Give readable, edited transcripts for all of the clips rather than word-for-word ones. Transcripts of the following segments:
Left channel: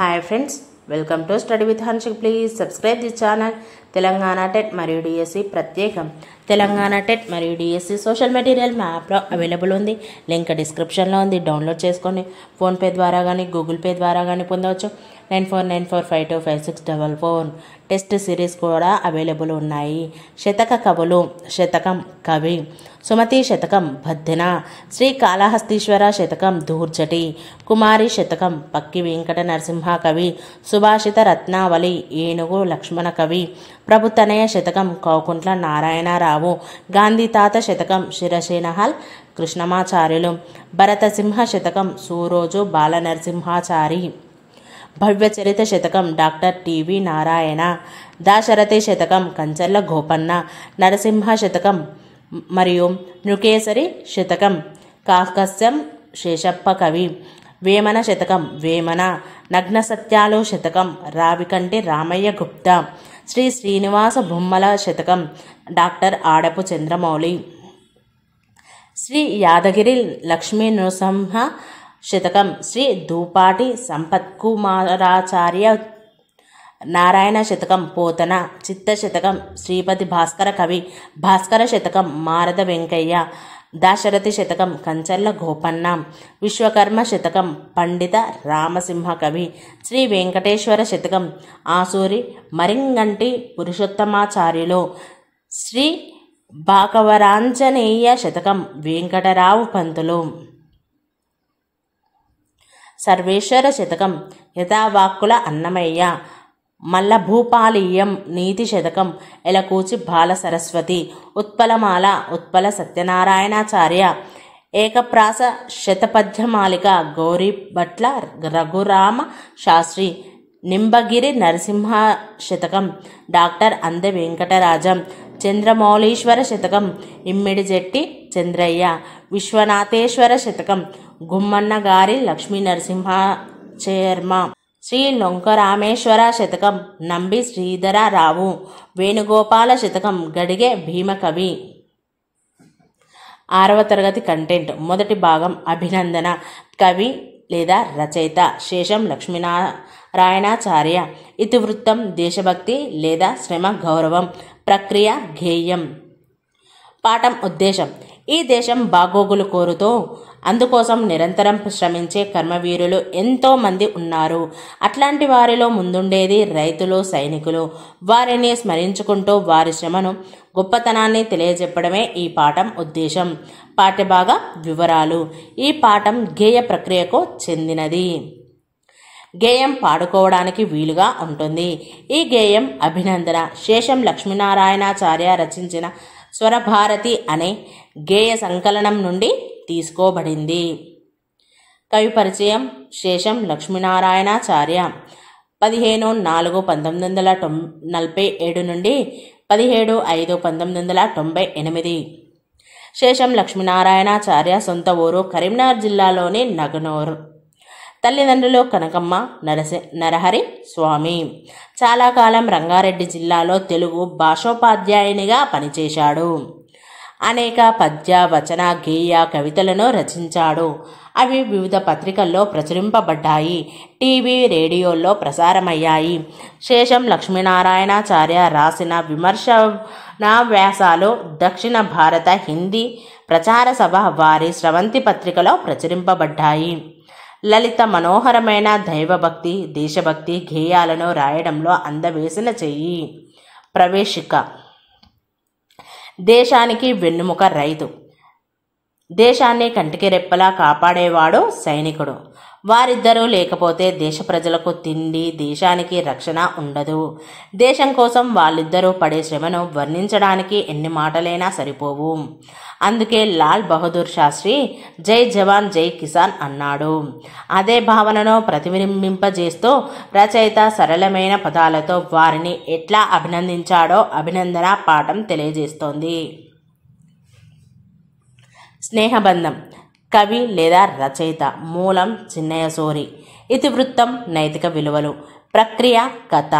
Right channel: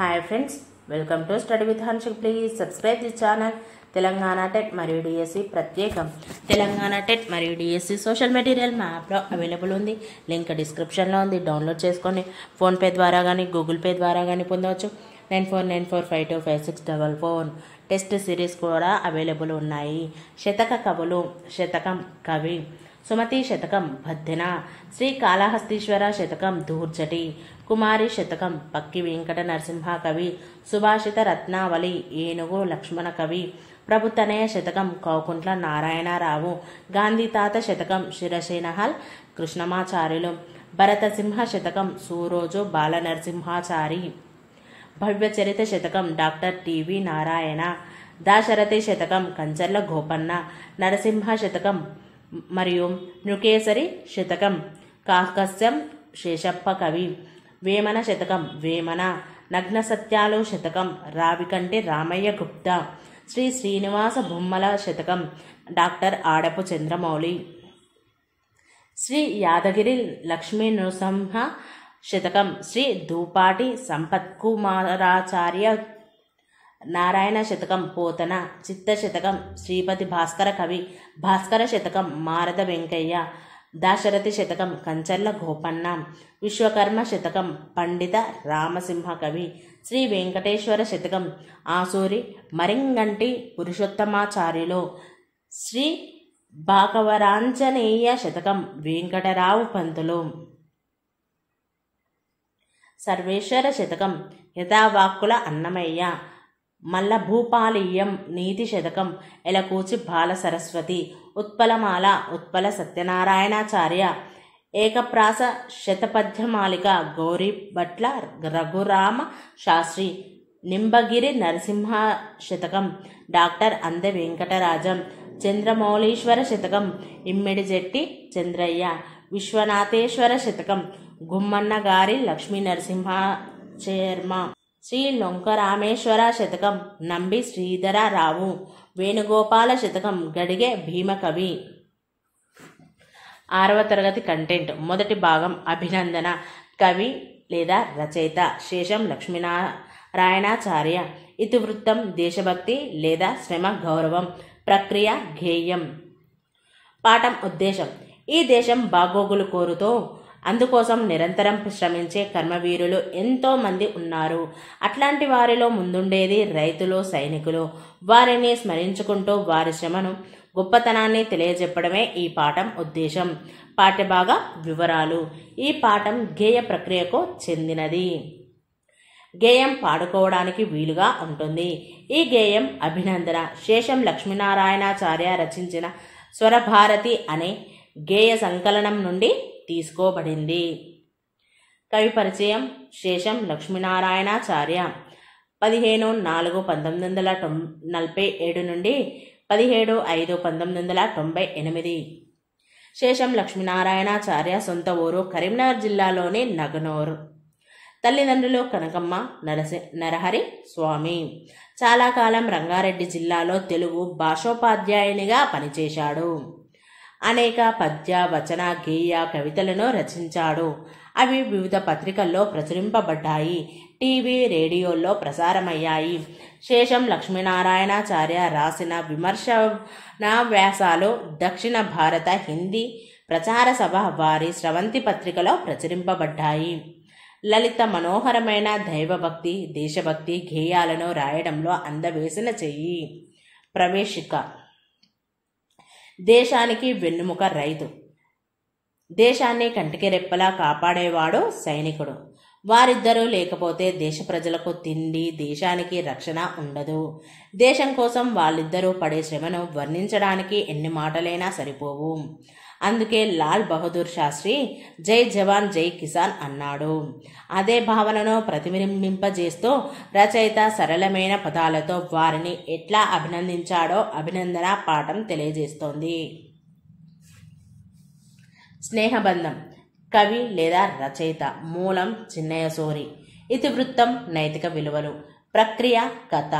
Hi friends, welcome to study with Hanshik. Please subscribe the channel. Telangana TET మరియు DSC ప్రత్యేకం. Telangana TET మరియు DSC social material మా యాప్లో available ఉంది. లింక్ డిస్క్రిప్షన్లో ఉంది. డౌన్లోడ్ చేసుకొని ఫోన్పే ద్వారా కానీ గూగుల్ పే ద్వారా కానీ పొందవచ్చు. 9494525644. టెస్ట్ సిరీస్ కూడా అవైలబుల్ ఉన్నాయి. శతక కవులు. శతకం కవి సుమతి శతకం భద్దెన, శ్రీకాళహస్తీశ్వర శతకం ధూర్జటి, కుమారి శతకం పక్కి వెంకట నరసింహ కవి, సుభాషిత రత్నావళి ఏనుగు లక్ష్మణ కవి, ప్రభుతనయ శతకం కౌకుంట్ల నారాయణరావు, గాంధీ తాత శతకం శిరసేనహల్ కృష్ణమాచార్యులు, భరతసింహ శతకం సూరోజు బాలనరసింహాచారి, భవ్యచరిత శతకం డాక్టర్ టివి నారాయణ, దాశరథి శతకం కంచర్ల గోపన్న, నరసింహ శతకం మరియు నృకేసరి శతకం కాకస్యం శేషప్ప కవి, వేమన శతకం వేమన, నగ్న సత్యాలు శతకం రావికంటి రామయ్య గుప్తా, శ్రీ శ్రీనివాస బొమ్మల శతకం డాక్టర్ ఆడపు చంద్రమౌళి, శ్రీ యాదగిరి లక్ష్మీ నృసింహ శతకం శ్రీ దూపాటి సంపత్కుమారాచార్య, నారాయణ శతకం పోతన, చిత్త శతకం శ్రీపతి భాస్కర కవి, భాస్కర శతకం మారద వెంకయ్య, దాశరథి శతకం కంచర్ల గోపన్న, విశ్వకర్మ శతకం పండిత రామసింహ కవి, శ్రీ వెంకటేశ్వర శతకం ఆసూరి మరింగంటి పురుషోత్తమాచార్యులు, శ్రీ భాకవరాంజనేయ శతకం వెంకటరావు పంతులు, సర్వేశ్వర శతకం యథావాక్కుల అన్నమయ్య, మల్లభూపాలీయం నీతి శతకం ఎలకూచి బాల సరస్వతి, ఉత్పలమాల ఉత్పల సత్యనారాయణాచార్య, ఏకప్రాస శతపద్యమాలిక గౌరీభట్ల రఘురామ శాస్త్రి, నింబగిరి నరసింహ శతకం డాక్టర్ అందె వెంకటరాజం, చంద్రమౌళీశ్వర శతకం ఇమ్మిడిజెట్టి చంద్రయ్య, విశ్వనాథేశ్వర శతకం గుమ్మన్న గారి లక్ష్మీ నరసింహ శర్మ, శ్రీ లొంకరామేశ్వర శతకం నంబి శ్రీధరరావు, వేణుగోపాల శతకం గడిగే భీమకవి. 6వ తరగతి కంటెంట్. మొదటి భాగం అభినందన. కవి లేదా రచయిత శేషం లక్ష్మీనారాయణాచార్య. ఇతివృత్తం దేశభక్తి లేదా శ్రమ గౌరవం. ప్రక్రియ గేయం. పాఠం ఉద్దేశం. ఈ దేశం బాగోగులు కోరుతూ అందుకోసం నిరంతరం శ్రమించే కర్మవీరులు ఎంతో మంది ఉన్నారు. అట్లాంటి వారిలో ముందుండేది రైతులు, సైనికులు. వారిని స్మరించుకుంటూ వారి శ్రమను, గొప్పతనాన్ని తెలియజెప్పడమే ఈ పాఠం ఉద్దేశం. పాఠ్యభాగ వివరాలు. ఈ పాఠం గేయ ప్రక్రియకు చెందినది. గేయం పాడుకోవడానికి వీలుగా ఉంటుంది. ఈ గేయం అభినందన శేషం లక్ష్మీనారాయణాచార్య రచించిన స్వరభారతి అనే గేయ సంకలనం నుండి తీసుకోబడింది. కవి పరిచయం. శేషం లక్ష్మీనారాయణాచార్య 15/4/1947 నుండి 17/5/1998. శేషం లక్ష్మీనారాయణాచార్య సొంత ఊరు కరీంనగర్ జిల్లాలోని నగనూర్. తల్లిదండ్రులు కనకమ్మ, నరహరి స్వామి. చాలా కాలం రంగారెడ్డి జిల్లాలో తెలుగు భాషోపాధ్యాయునిగా పనిచేశాడు. అనేక పద్య, వచన, గేయ కవితలను రచించాడు. అవి వివిధ పత్రికల్లో ప్రచురింపబడ్డాయి. టీవీ, రేడియోల్లో ప్రసారమయ్యాయి. శేషం లక్ష్మీనారాయణాచార్య రాసిన విమర్శనా వ్యాసాలు దక్షిణ భారత హిందీ ప్రచార సభ వారి స్రవంతి పత్రికలో ప్రచురింపబడ్డాయి. లలిత మనోహరమైన దైవభక్తి, దేశభక్తి గేయాలను రాయడంలో అందవేసిన చెయ్యి. ప్రవేశిక. దేశానికి వెన్నుముక రైతు. దేశాన్ని కంటికి రెప్పలా కాపాడేవాడు సైనికుడు. వారిద్దరూ లేకపోతే దేశ ప్రజలకు తిండి, దేశానికి రక్షణ ఉండదు. దేశం కోసం వాళ్ళిద్దరూ పడే శ్రమను వర్ణించడానికి ఎన్ని మాటలైనా సరిపోవు. అందుకే లాల్ బహదూర్ శాస్త్రి జై జవాన్ జై కిసాన్ అన్నాడు. అదే భావనను ప్రతిబింబింపజేస్తూ రచయిత సరళమైన పదాలతో వారిని ఎట్లా అభినందించాడో అభినందన పాఠం తెలియజేస్తోంది. స్నేహబంధం. కవి లేదా రచయిత. మూలం చిన్నయ్య సోరి. ఇతివృత్తం నైతిక విలువలు. ప్రక్రియ కథ.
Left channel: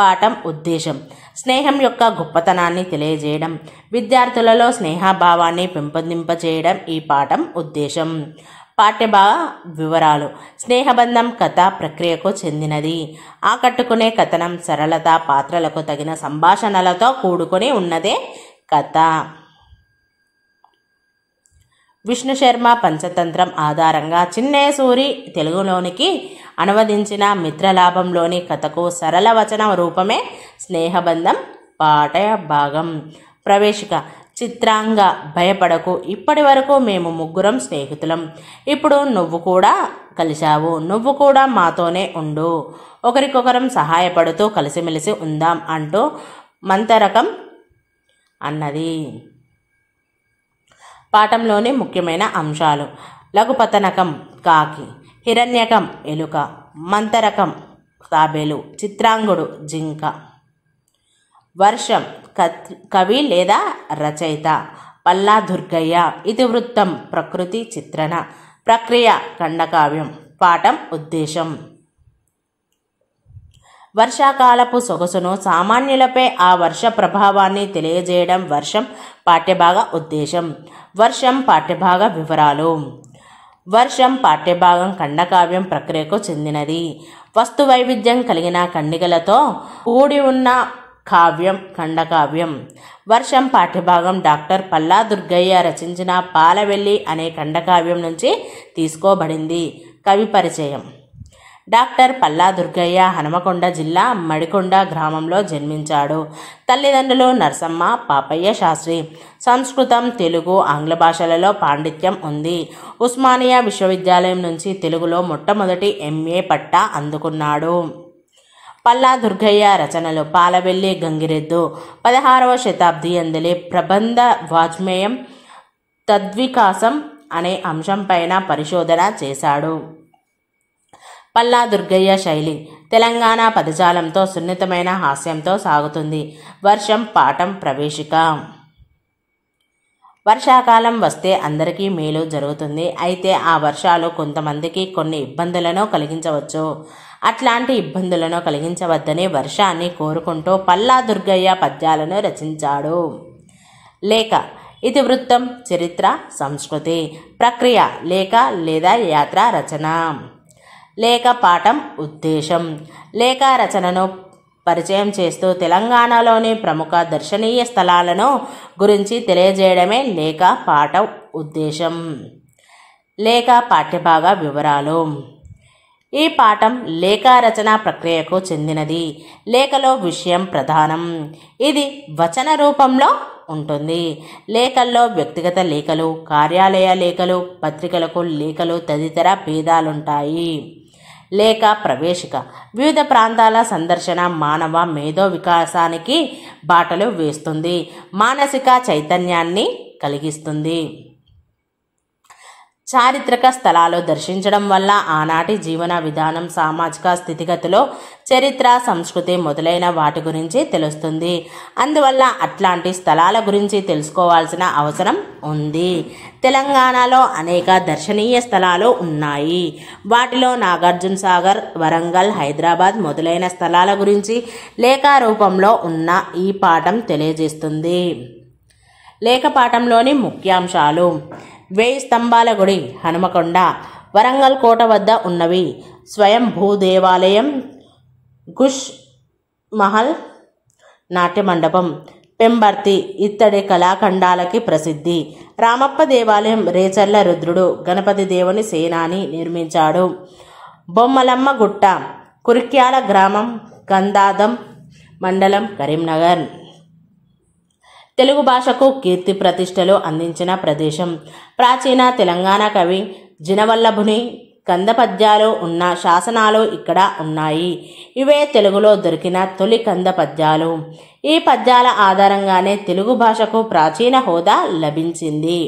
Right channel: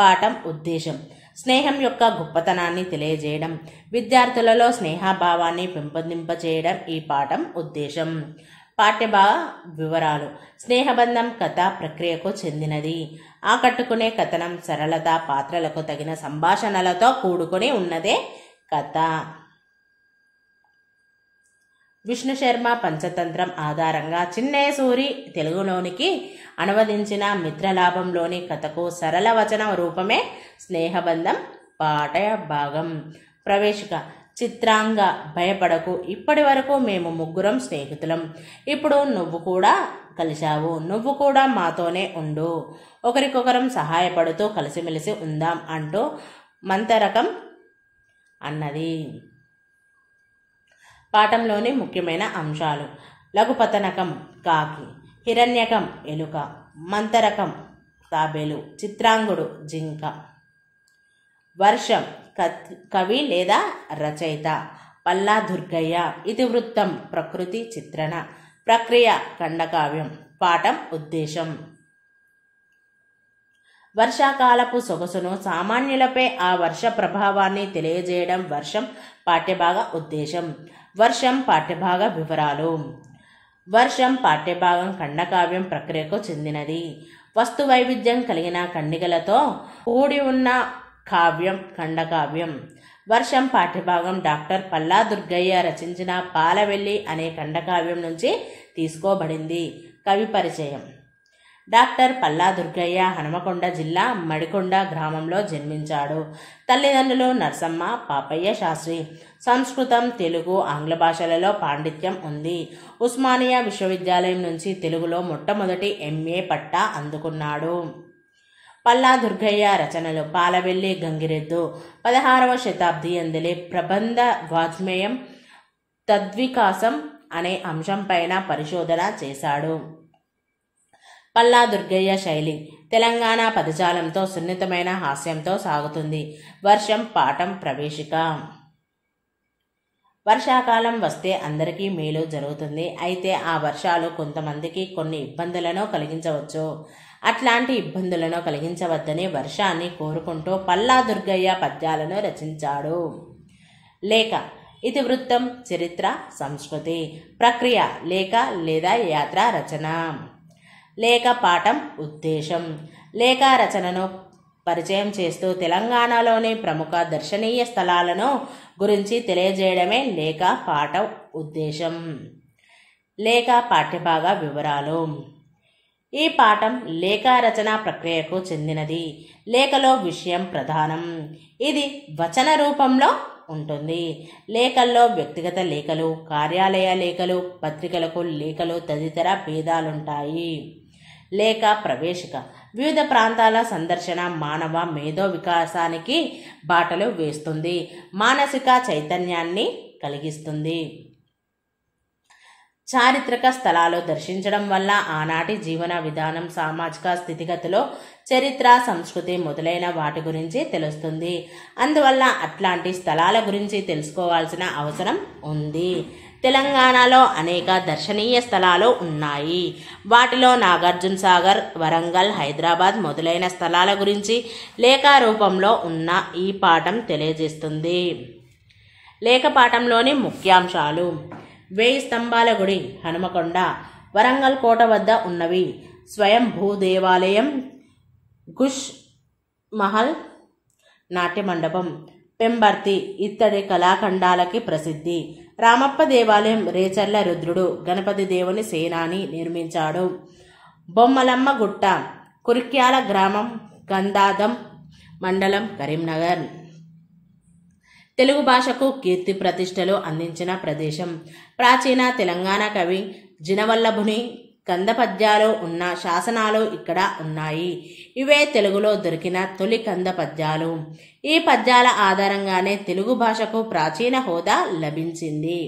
పాఠం ఉద్దేశం. స్నేహం యొక్క గొప్పతనాన్ని తెలియజేయడం, విద్యార్థులలో స్నేహభావాన్ని పెంపొందింపజేయడం ఈ పాఠం ఉద్దేశం. పాఠ్యభాగ వివరాలు. స్నేహబంధం కథ ప్రక్రియకు చెందినది. ఆకట్టుకునే కథనం, సరళత, పాత్రలకు తగిన సంభాషణలతో కూడుకొని ఉన్నదే కథ. విష్ణు శర్మ పంచతంత్రం ఆధారంగా చిన్నయ్య సూరి తెలుగులోనికి అనువదించిన మిత్రలాభంలోని కథకు సరళ వచన రూపమే స్నేహబంధం పాఠ్యభాగం. ప్రవేశిక. చిత్రాంగ, భయపడకు. ఇప్పటి వరకు మేము ముగ్గురం స్నేహితులం. ఇప్పుడు నువ్వు కూడా కలిశావు. నువ్వు కూడా మాతోనే ఉండు. ఒకరికొకరం సహాయపడుతూ కలిసిమెలిసి ఉందాం అంటూ మంతరకం అన్నది. పాఠంలోని ముఖ్యమైన అంశాలు: లఘుపతనకం కాకి, హిరణ్యకం ఎలుక, మంతరకం తాబేలు, చిత్రాంగుడు జింక. వర్షం కవి లేదా రచయిత పల్లా దుర్గయ్య. ఇతివృత్తం ప్రకృతి చిత్రణ. ప్రక్రియ ఖండకావ్యం. పాఠం ఉద్దేశం. వర్షాకాలపు సొగసును, సామాన్యులపై ఆ వర్ష ప్రభావాన్ని తెలియజేయడం వర్షం పాఠ్యభాగ ఉద్దేశం. వర్షం పాఠ్యభాగ వివరాలు. వర్షం పాఠ్యభాగం ఖండకావ్యం ప్రక్రియకు చెందినది. వస్తు వైవిధ్యం కలిగిన ఖండికలతో కూడి ఉన్న కావ్యం ఖండకావ్యం. వర్షం పాఠ్యభాగం డాక్టర్ పల్లా దుర్గయ్య రచించిన పాలవెల్లి అనే ఖండకావ్యం నుంచి తీసుకోబడింది. కవి పరిచయం. డాక్టర్ పల్లా దుర్గయ్య హనుమకొండ జిల్లా మడికొండ గ్రామంలో జన్మించాడు. తల్లిదండ్రులు నరసమ్మ, పాపయ్య శాస్త్రి. సంస్కృతం, తెలుగు, ఆంగ్ల భాషలలో పాండిత్యం ఉంది. ఉస్మానియా విశ్వవిద్యాలయం నుంచి తెలుగులో మొట్టమొదటి MA పట్టా అందుకున్నాడు. పల్లా దుర్గయ్య రచనలు: పాలవెల్లి గంగిరెద్దు 16వ శతాబ్ది అందలి ప్రబంధ వాజ్మేయం, తద్వికాసం అనే అంశంపైన పరిశోధన చేశాడు. పల్లా దుర్గయ్య శైలి తెలంగాణ పదజాలంతో సున్నితమైన హాస్యంతో సాగుతుంది. వర్షం పాఠం ప్రవేశిక. వర్షాకాలం వస్తే అందరికీ మేలు జరుగుతుంది. అయితే ఆ వర్షాలు కొంతమందికి కొన్ని ఇబ్బందులను కలిగించవచ్చు. అట్లాంటి ఇబ్బందులను కలిగించవద్దని వర్షాన్ని కోరుకుంటూ పల్లా దుర్గయ్య పద్యాలను రచించాడు. లేఖ ఇతివృత్తం చరిత్ర సంస్కృతి. ప్రక్రియ లేఖ లేదా యాత్ర రచన. లేఖ పాఠం ఉద్దేశం. లేఖ రచనను పరిచయం చేస్తూ తెలంగాణలోని ప్రముఖ దర్శనీయ స్థలాలను గురించి తెలియజేయడమే లేఖ పాఠ ఉద్దేశం. లేఖ పాఠ్యభాగ వివరాలు. ఈ పాఠం లేఖ రచన ప్రక్రియకు చెందినది. లేఖలో విషయం ప్రధానం. ఇది వచన రూపంలో ఉంటుంది. లేఖల్లో వ్యక్తిగత లేఖలు, కార్యాలయ లేఖలు, పత్రికలకు లేఖలు తదితర భేదాలుంటాయి. లేఖ ప్రవేశిక. వివిధ ప్రాంతాల సందర్శన మానవ మేధో వికాసానికి బాటలు వేస్తుంది. మానసిక చైతన్యాన్ని కలిగిస్తుంది. చారిత్రక స్థలాలు దర్శించడం వల్ల ఆనాటి జీవన విధానం, సామాజిక స్థితిగతులు, చరిత్ర, సంస్కృతి మొదలైన వాటి గురించి తెలుస్తుంది. అందువల్ల అట్లాంటి స్థలాల గురించి తెలుసుకోవాల్సిన అవసరం ఉంది. తెలంగాణలో అనేక దర్శనీయ స్థలాలు ఉన్నాయి. వాటిలో నాగార్జున సాగర్, వరంగల్, హైదరాబాద్ మొదలైన స్థలాల గురించి లేఖ రూపంలో ఉన్న ఈ పాఠం తెలియజేస్తుంది. లేఖ పాఠంలోని ముఖ్యాంశాలు: 1000 స్తంభాల గుడి హనుమకొండ, వరంగల్ కోట వద్ద ఉన్నవి స్వయంభూ దేవాలయం, గుష్ మహల్ నాట్య మండపం, పెంబర్తి ఇత్తడి కళాఖండాలకి ప్రసిద్ధి, రామప్ప దేవాలయం, రేచర్ల రుద్రుడు గణపతి దేవుని సేనాని నిర్మించాడు, బొమ్మలమ్మ గుట్ట, కురిక్యాల గ్రామం, గంధాదం మండలం, కరీంనగర్. తెలుగు భాషకు కీర్తి ప్రతిష్టలు అందించిన ప్రదేశం. ప్రాచీన తెలంగాణ కవి జినవల్లభుని కంద పద్యాలు ఉన్న శాసనాలు ఇక్కడ ఉన్నాయి. ఇవే తెలుగులో దొరికిన తొలి కంద పద్యాలు. ఈ పద్యాల ఆధారంగానే తెలుగు భాషకు ప్రాచీన హోదా లభించింది.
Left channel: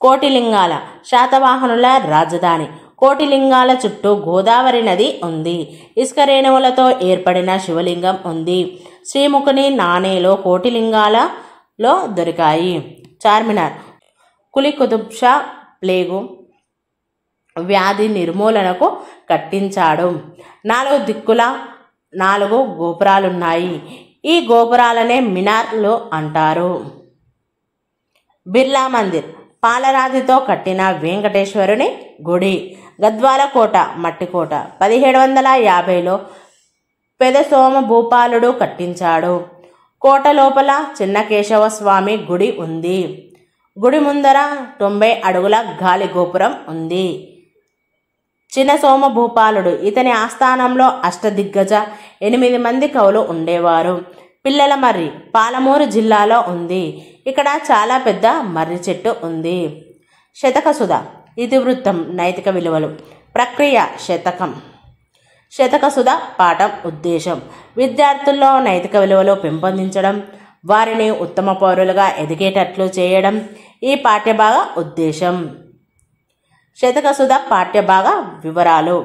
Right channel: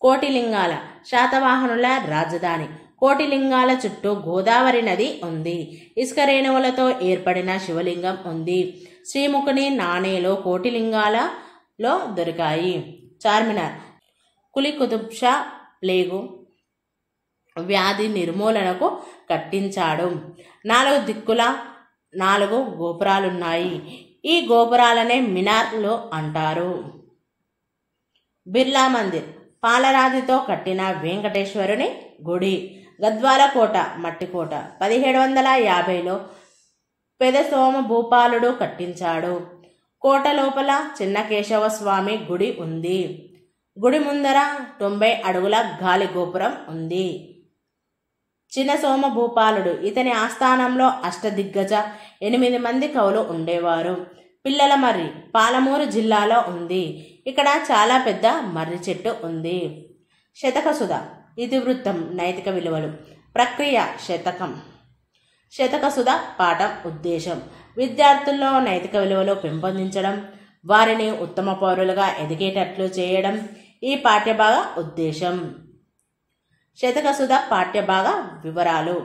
కోటిలింగాల శాతవాహనుల రాజధాని. కోటిలింగాల చుట్టూ గోదావరి నది ఉంది. ఇసుక రేణువులతో ఏర్పడిన శివలింగం ఉంది. శ్రీముఖుని నాణేలో కోటిలింగాలలో దొరికాయి. చార్మినార్ కులీ కుతుబ్ షా ప్లేగు వ్యాధి నిర్మూలనకు కట్టించాడు. 4 దిక్కుల 4 గోపురాలున్నాయి. ఈ గోపురాలనే మినార్లు అంటారు. బిర్లా మందిర్ పాలరాతితో కట్టిన వెంకటేశ్వరుని గుడి. గద్వాల కోట మట్టి కోట 1750లో పెదసోమ భూపాలుడు కట్టించాడు. కోట లోపల చిన్న కేశవ స్వామి గుడి ఉంది. గుడి ముందర 90 అడుగుల గాలి గోపురం ఉంది. చిన్న సోమ భూపాలుడు ఇతని ఆస్థానంలో అష్టదిగ్గజ 8 మంది కవులు ఉండేవారు. పిల్లల మర్రి పాలమూరు జిల్లాలో ఉంది. ఇక్కడ చాలా పెద్ద మర్రి చెట్టు ఉంది. శతకసుధ ఇతివృత్తం నైతిక విలువలు. ప్రక్రియ శతకం. శతకసుధ పాఠం ఉద్దేశం విద్యార్థుల్లో నైతిక విలువలు పెంపొందించడం, వారిని ఉత్తమ పౌరులుగా ఎదిగేటట్లు చేయడం ఈ పాఠ్యభాగ ఉద్దేశం. శతకసుధ పాఠ్యభాగ వివరాలు.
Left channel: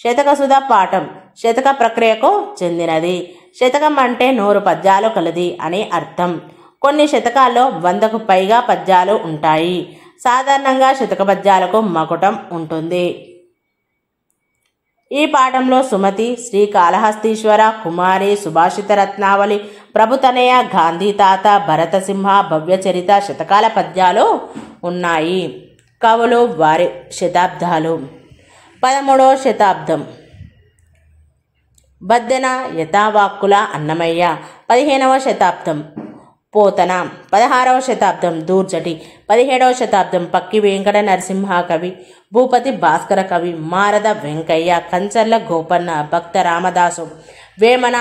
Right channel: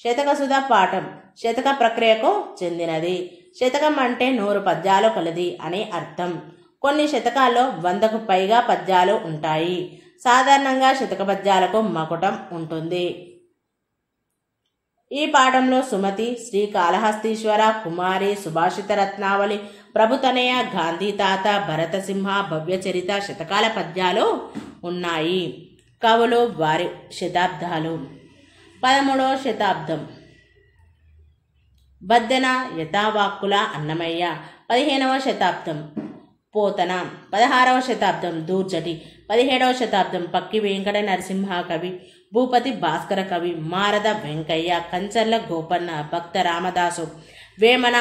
శతకసుధ పాఠం శతక ప్రక్రియకు చెందినది. శతకం అంటే 100 పద్యాలు కలది అని అర్థం. కొన్ని శతకాల్లో 100కు పైగా పద్యాలు ఉంటాయి. సాధారణంగా శతక పద్యాలకు మకుటం ఉంటుంది. ఈ పాఠంలో సుమతి, శ్రీకాళహస్తీశ్వర, కుమారి, సుభాషిత రత్నావళి, ప్రభుతనయ, గాంధీ తాత, భరతసింహ, భవ్యచరిత శతకాల పద్యాలు ఉన్నాయి. కవులు వారి శతాబ్దాలు. 13వ శతాబ్దం బద్దెన, యథావాక్కుల అన్నమయ్య. 15వ శతాబ్దం పోతన. 16వ శతాబ్దం దూర్జటి. 17వ శతాబ్దం పక్కి వెంకట నరసింహ కవి, భూపతి భాస్కర కవి, మారద వెంకయ్య, కంచర్ల గోపన్న, భక్త రామదాసు, వేమన,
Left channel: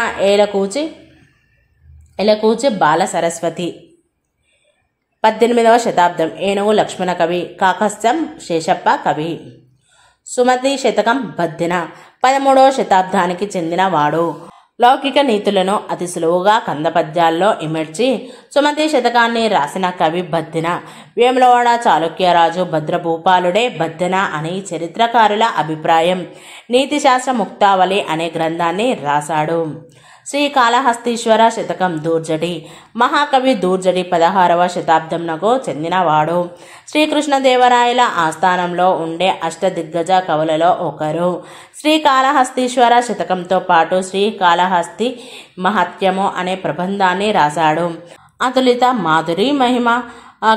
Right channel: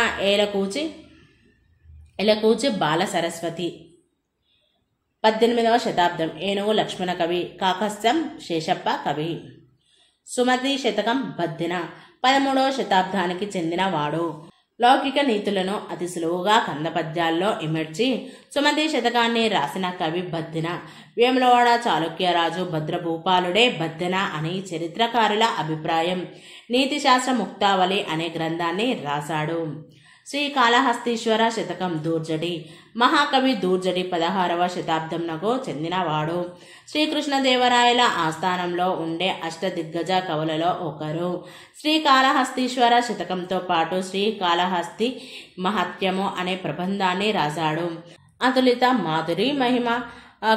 ఎలకూచి బాల సరస్వతి. 18వ శతాబ్దం ఏనుగు లక్ష్మణ కవి, కాకస్తం శేషప్ప కవి. సుమతి శతకం బద్దెన 13వ శతాబ్దానికి చెందినవాడు. లౌకిక నీతులను అతి సులువుగా కందపద్యాల్లో ఇమర్చి సుమతి శతకాన్ని రాసిన కవి బద్దెన. వేములవాడ చాళుక్యరాజు భద్రభూపాలుడే బద్దెన అని చరిత్రకారుల అభిప్రాయం. నీతిశాస్త్ర ముక్తావళి అనే గ్రంథాన్ని రాశాడు. శ్రీకాళహస్తీశ్వర శతకం దూర్జటి. మహాకవి దూర్జటి 16వ శతాబ్దంనకు చెందినవాడు. శ్రీకృష్ణదేవరాయల ఆస్థానంలో ఉండే అష్టదిగ్గజ కవులలో ఒకరు. శ్రీకాళహస్తీశ్వర శతకంతో పాటు శ్రీకాళహస్తి మహత్యము అనే ప్రబంధాన్ని రాశాడు. అతులిత మాధురి మహిమ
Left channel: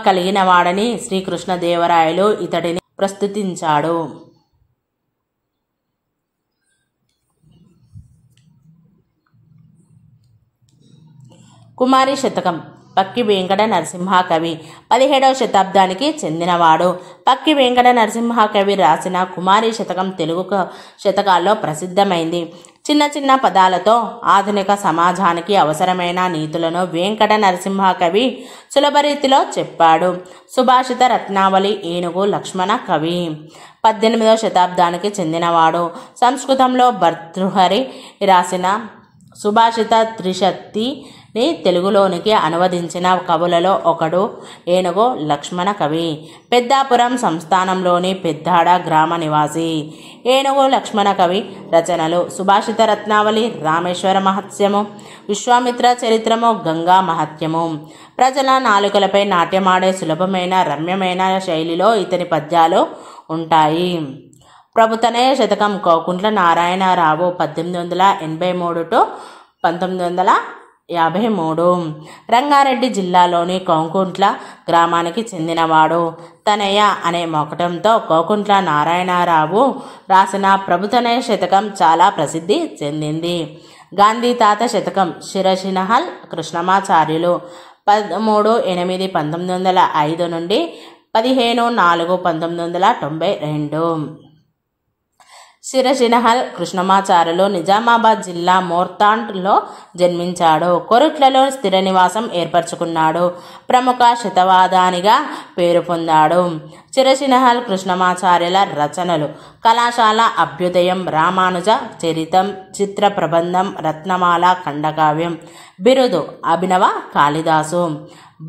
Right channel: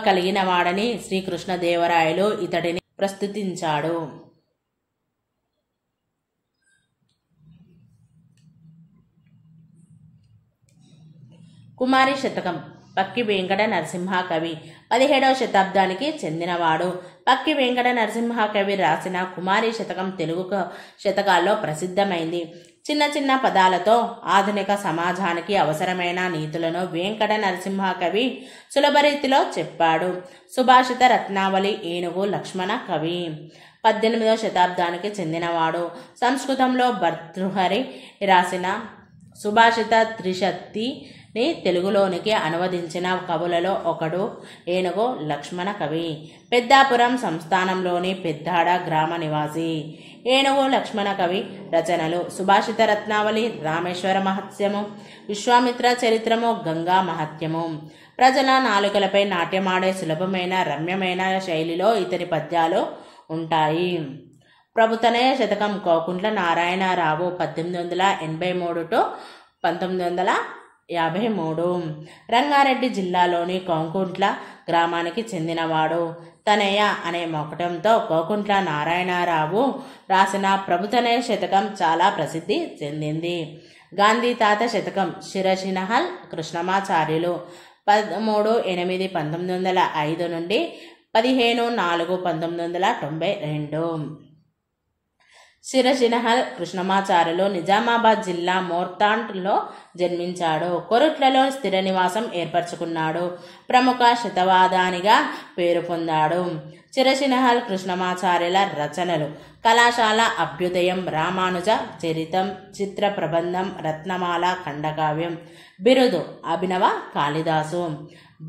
కలిగిన వాడని శ్రీకృష్ణదేవరాయలు ఇతడిని ప్రస్తుతించాడు. కుమారి శతకం పక్కి వెంకట నరసింహ కవి 17వ శతాబ్దానికి చెందినవాడు. పక్కి వెంకట నరసింహ కవి రాసిన కుమారి శతకం తెలుగు శతకాల్లో ప్రసిద్ధమైంది. చిన్న చిన్న పదాలతో ఆధునిక సమాజానికి అవసరమైన నీతులను వెంకట నరసింహ కవి సులభరీతిలో చెప్పాడు. సుభాషిత రత్నావళి ఏనుగు లక్ష్మణ కవి 18వ శతాబ్దానికి చెందినవాడు. సంస్కృతంలో భర్తృహరి రాసిన సుభాషిత త్రిశతిని తెలుగులోనికి అనువదించిన కవులలో ఒకడు ఏనుగు లక్ష్మణ కవి. పెద్దాపురం సంస్థానంలోని పెద్దాడ గ్రామ నివాసి. ఏనుగు లక్ష్మణ కవి రచనలు: సుభాషిత రత్నావళి, రామేశ్వర మహత్యము, విశ్వామిత్ర చరిత్రము, గంగా మహత్యము. ప్రజల నాలుకలపై నాట్యమాడే సులభమైన రమ్యమైన శైలిలో ఇతని పద్యాలు ఉంటాయి. ప్రభుతనయ శతకం కోకుంట్ల నారాయణరావు 1883 to 1953. రంగారెడ్డి జిల్లాలోని కోకుంట్ల గ్రామానికి చెందినవాడు. తనయ అనే మొకటంతో కోకుంట్ల నారాయణరావు రాసిన ప్రభుతనయ శతకం చాలా ప్రసిద్ధి చెందింది. గాంధీ తాత శతకం శిరసినహల్ కృష్ణమాచార్యులు 13/8/1905 నుండి 15/4/1992. శిరసినహల్ కృష్ణమాచార్యులు నిజామాబాద్ జిల్లా మోర్తాండ్లో జన్మించాడు. కొరుట్లలో స్థిర నివాసం ఏర్పరచుకున్నాడు. ప్రముఖ శతవాదానిగా పేరు పొందాడు. శిరసినహల్ కృష్ణమాచార్యుల రచనలు: కళాశాల అభ్యుదయం, రామానుజ చరితం, చిత్ర ప్రబంధం, రత్నమాల, ఖండకావ్యం. బిరుదు: అభినవ కాళిదాసు.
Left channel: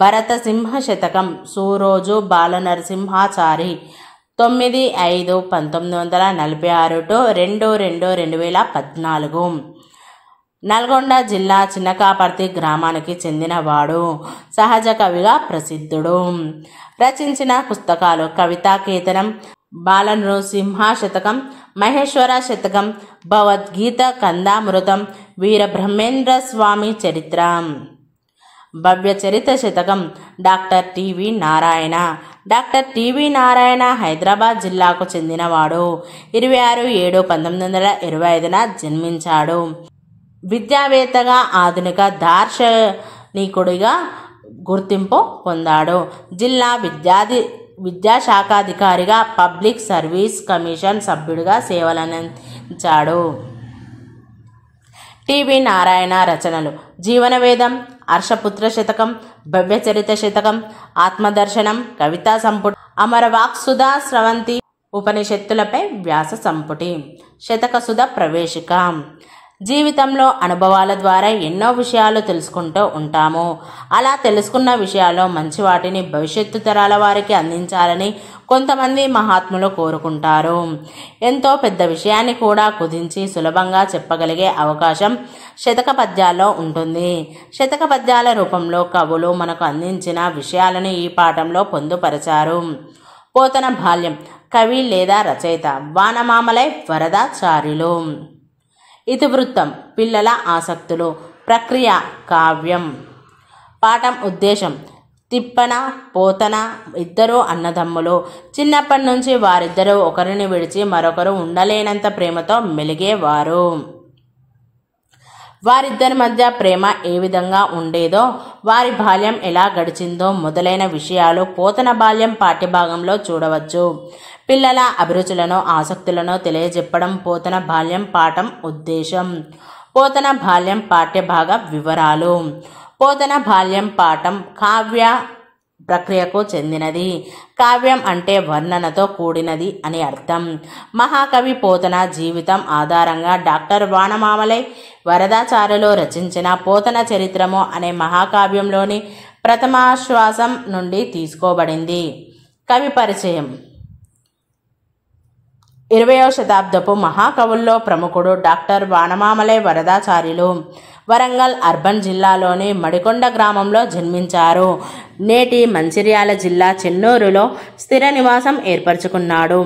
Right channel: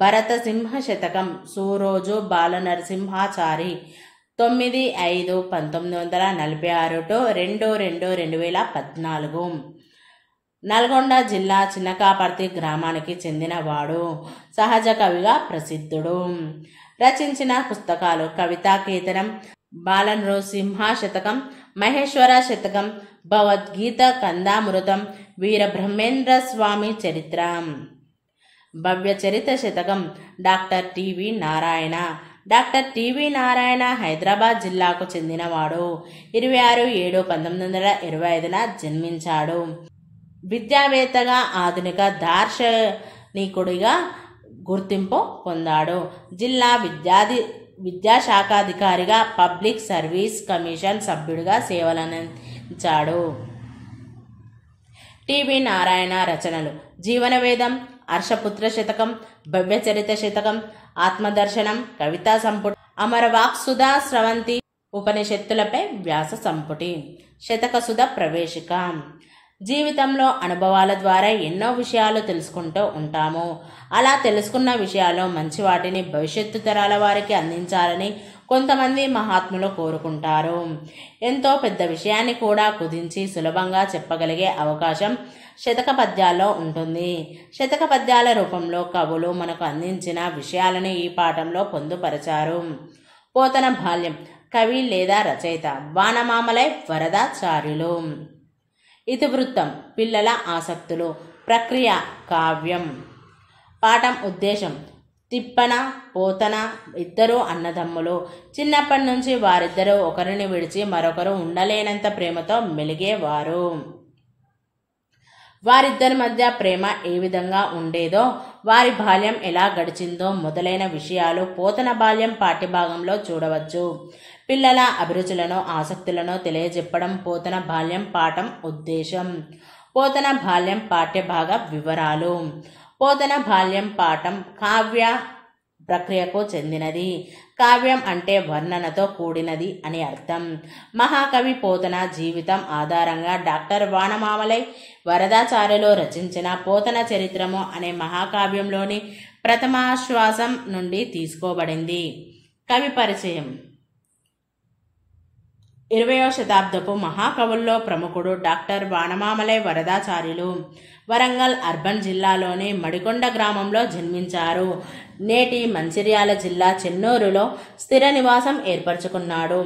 భరతసింహ శతకం సూరోజు బాలనరసింహాచారి 9/5/1946 to 2/2/2014. నల్గొండ జిల్లా చిన్నకాపర్తి గ్రామానికి చెందినవాడు. సహజ కవిగా ప్రసిద్ధుడు. రచించిన పుస్తకాలు: కవితాకేతనం, బాలనృసింహ శతకం, మహేశ్వర శతకం, భగవద్గీత కందామృతం, వీరబ్రహ్మేంద్ర స్వామి చరిత్ర. భవ్య చరిత్ర శతకం doctor TV Narayana. Doctor TV Narayana Hyderabad జిల్లాకు చెందినవాడు. 26/7/1925 జన్మించాడు. విద్యావేత్తగా, ఆధునిక దార్శనికుడిగా గుర్తింపు పొందాడు. జిల్లా విద్యాశాఖాధికారిగా, పబ్లిక్ సర్వీస్ కమిషన్ సభ్యుడిగా సేవలందించాడు. టివి నారాయణ రచనలు: జీవనవేదం, హర్షపుత్ర శతకం, భవ్యచరిత శతకం, ఆత్మదర్శనం, కవితా సంపుటి, అమరవాక్సుధా స్రవంతి, ఉపనిషత్తులపై వ్యాస సంపుటి, శతకసుధ ప్రవేశిక. జీవితంలో అనుభవాల ద్వారా ఎన్నో విషయాలు తెలుసుకుంటూ ఉంటాము. అలా తెలుసుకున్న విషయాల్లో మంచి వాటిని భవిష్యత్తు తరాల వారికి అందించాలని కొంతమంది మహాత్ములు కోరుకుంటారు. ఎంతో పెద్ద విషయాన్ని కూడా కుదించి సులభంగా చెప్పగలిగే అవకాశం శతక పద్యాల్లో ఉంటుంది. శతక పద్యాల రూపంలో కవులు మనకు అందించిన విషయాలను ఈ పాఠంలో పొందుపరచారు. పోతన బాల్యం. కవి లేదా రచయిత వానమామలై వరదాచార్యులు. ఇతివృత్తం: పిల్లల ఆసక్తులు. ప్రక్రియ: కావ్యం. పాఠం ఉద్దేశం: తిప్పన, పోతన ఇద్దరు అన్నదమ్ములు. చిన్నప్పటి నుంచి వారిద్దరూ ఒకరిని విడిచి మరొకరు ఉండలేనంత ప్రేమతో మెలిగేవారు. వారిద్దరి మధ్య ప్రేమ ఏ విధంగా ఉండేదో, వారి బాల్యం ఎలా గడిచిందో మొదలైన విషయాలు పోతన బాల్యం పాఠ్యభాగంలో చూడవచ్చు. పిల్లల అభిరుచులను, ఆసక్తులను తెలియజెప్పడం పోతన బాల్యం పాఠం ఉద్దేశం. పోతన బాల్యం పాఠ్యభాగ వివరాలు. పోతన బాల్యం పాఠం కావ్య ప్రక్రియకు చెందినది. కావ్యం అంటే వర్ణనతో కూడినది అని అర్థం. మహాకవి పోతన జీవితం ఆధారంగా డాక్టర్ వానమామలై వరదాచార్యులు రచించిన పోతన చరిత్రము అనే మహాకావ్యంలోని ప్రథమాశ్వాసం నుండి తీసుకోబడింది. కవి పరిచయం. 20వ శతాబ్దపు మహాకవుల్లో ప్రముఖుడు డాక్టర్ వానమామలై వరదాచార్యులు. వరంగల్ అర్బన్ జిల్లాలోని మడికొండ గ్రామంలో జన్మించారు. నేటి మంచిర్యాల జిల్లా చెన్నూరులో స్థిర నివాసం ఏర్పరచుకున్నాడు.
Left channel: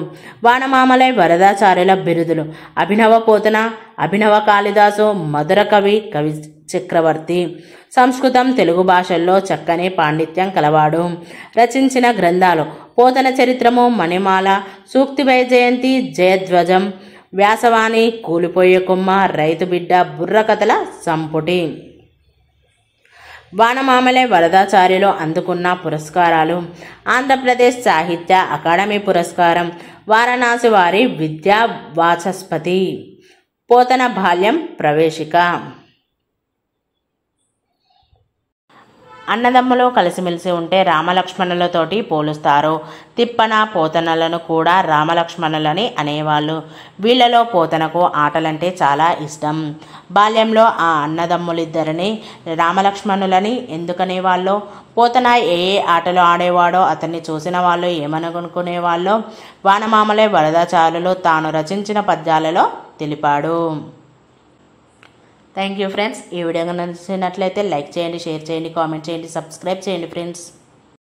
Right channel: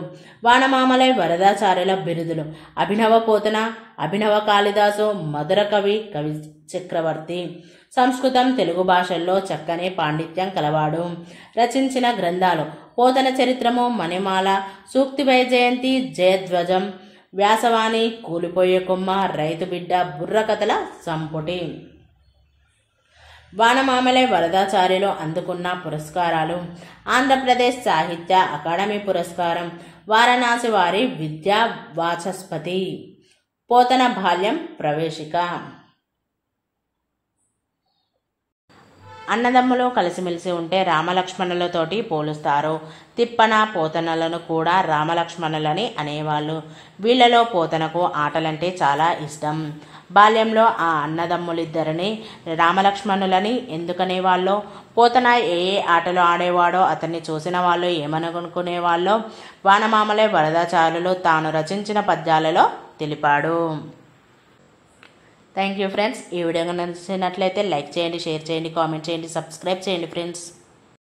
వానమామలై వరదాచార్యుల బిరుదులు: అభినవ పోతన, అభినవ కాళిదాసు, మధుర కవి, కవి చక్రవర్తి. సంస్కృతం, తెలుగు భాషల్లో చక్కని పాండిత్యం కలవాడు. రచించిన గ్రంథాలు: పోతన చరిత్రము, మణిమాల, సూక్తి వైజయంతి, జయధ్వజం, వ్యాసవాణి, కూలిపోయే కొమ్మ, రైతు బిడ్డ, బుర్రకథల సంపుటి. వానమామలై వరదాచార్యులు అందుకున్న పురస్కారాలు: ఆంధ్రప్రదేశ్ సాహిత్య అకాడమీ పురస్కారం, వారణాసి వారి విద్యా వాచస్పతి. పోతన బాల్యం ప్రవేశిక. అన్నదమ్ములు కలిసిమెలిసి ఉంటే రామలక్ష్మణులతోటి పోలుస్తారు. తిప్పన, పోతనలను కూడా రామలక్ష్మణులని అనేవాళ్ళు. వీళ్ళలో పోతనకు ఆటలంటే చాలా ఇష్టం. బాల్యంలో ఆ అన్నదమ్ములిద్దరిని రామలక్ష్మణులని ఎందుకనేవాళ్ళో, పోతన ఏ ఆటలు ఆడేవాడో అతన్ని చూసిన వాళ్ళు ఏమనుకునేవాళ్ళో వానమామలై వరదాచార్యులు తాను రచించిన పద్యాలలో తెలిపాడు. Thank you friends. ఈ వీడియో నచ్చినట్లయితే లైక్ చేయండి, షేర్ చేయండి, కామెంట్ చేయండి, సబ్స్క్రైబ్ చేయండి ఫ్రెండ్స్.